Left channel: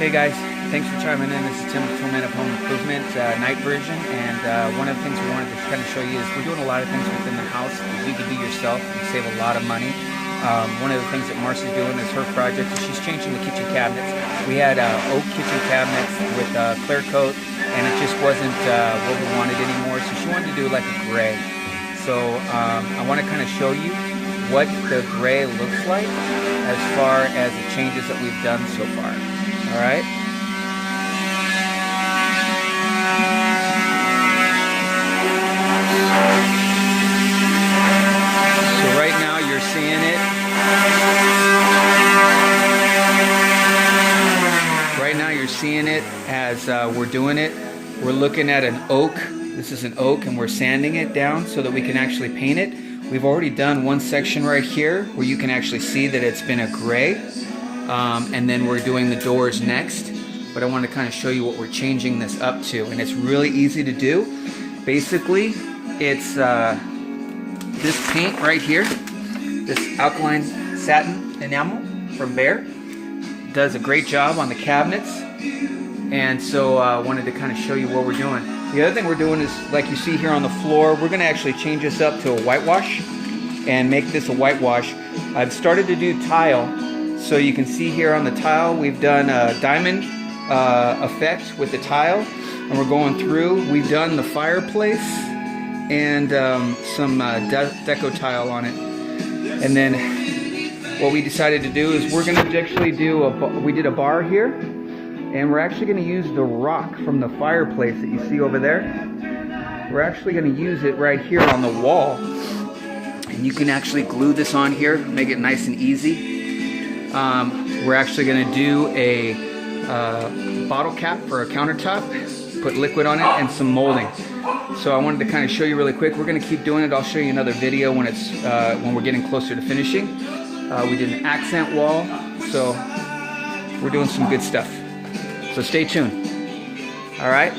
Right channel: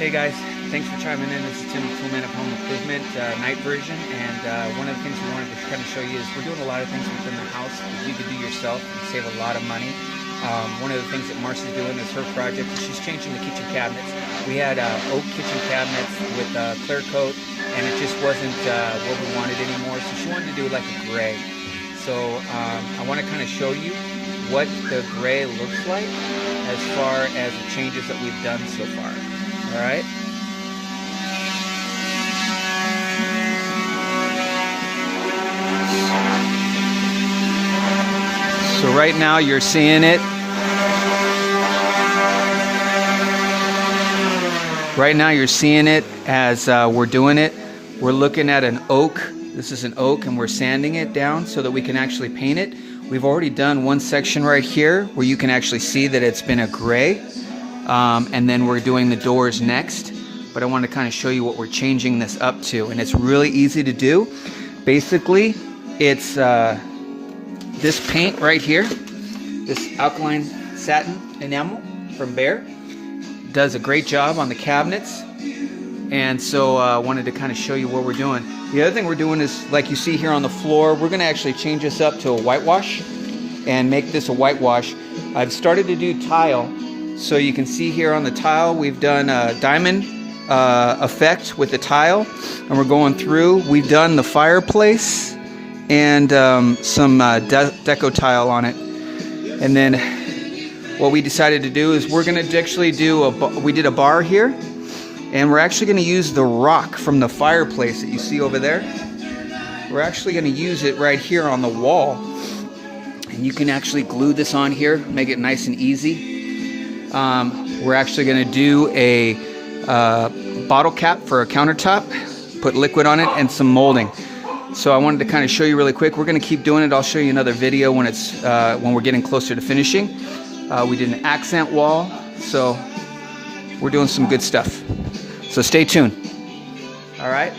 Hey guys, thanks for chiming in. This is Tim with Toolman of Home Improvement, night version, and one of the things we wanted to kind of show you is we're doing a lot of things within the house that you can do yourself and save a lot of money. One of the things that Marcy's doing is her project is she's changing the kitchen cabinets. We had oak kitchen cabinets with clear coat, and it just wasn't what we wanted anymore, so she wanted to do like a gray. So I want to kind of show you what the gray looks like as far as the changes that we've done so far. All right. So right now you're seeing it. Right now you're seeing it as we're doing it. We're looking at an oak. This is an oak, and we're sanding it down so that we can actually paint it. We've already done one section right here where you can actually see that it's been a gray. And then we're doing the doors next, but I want to kind of show you what we're changing this up to, and it's really easy to do. Basically, it's this paint right here, this alkaline satin enamel from Behr, does a great job on the cabinets, and so I wanted to kind of show you what we're doing. The other thing we're doing is, like you see here on the floor, we're going to actually change this up to a whitewash and make this a whitewash. I've started to do tile. So you can see here on the tile, we've done a diamond effect with the tile, and we're going through. We've done the fireplace and some deco tile on it. And then what we decided to do is we're going to actually do we did a bar here, and we're actually going to use the rock from the fireplace that you see over there. We're actually going to use it right here on the wall, and you can actually glue this on here, make it nice and easy. We're actually going to do a bottle cap for a countertop, put liquid on it, and some molding. So I wanted to kind of show you really quick. We're going to keep doing it. I'll show you another video when we're getting closer to finishing. We did an accent wall, so we're doing some good stuff. So stay tuned. All right.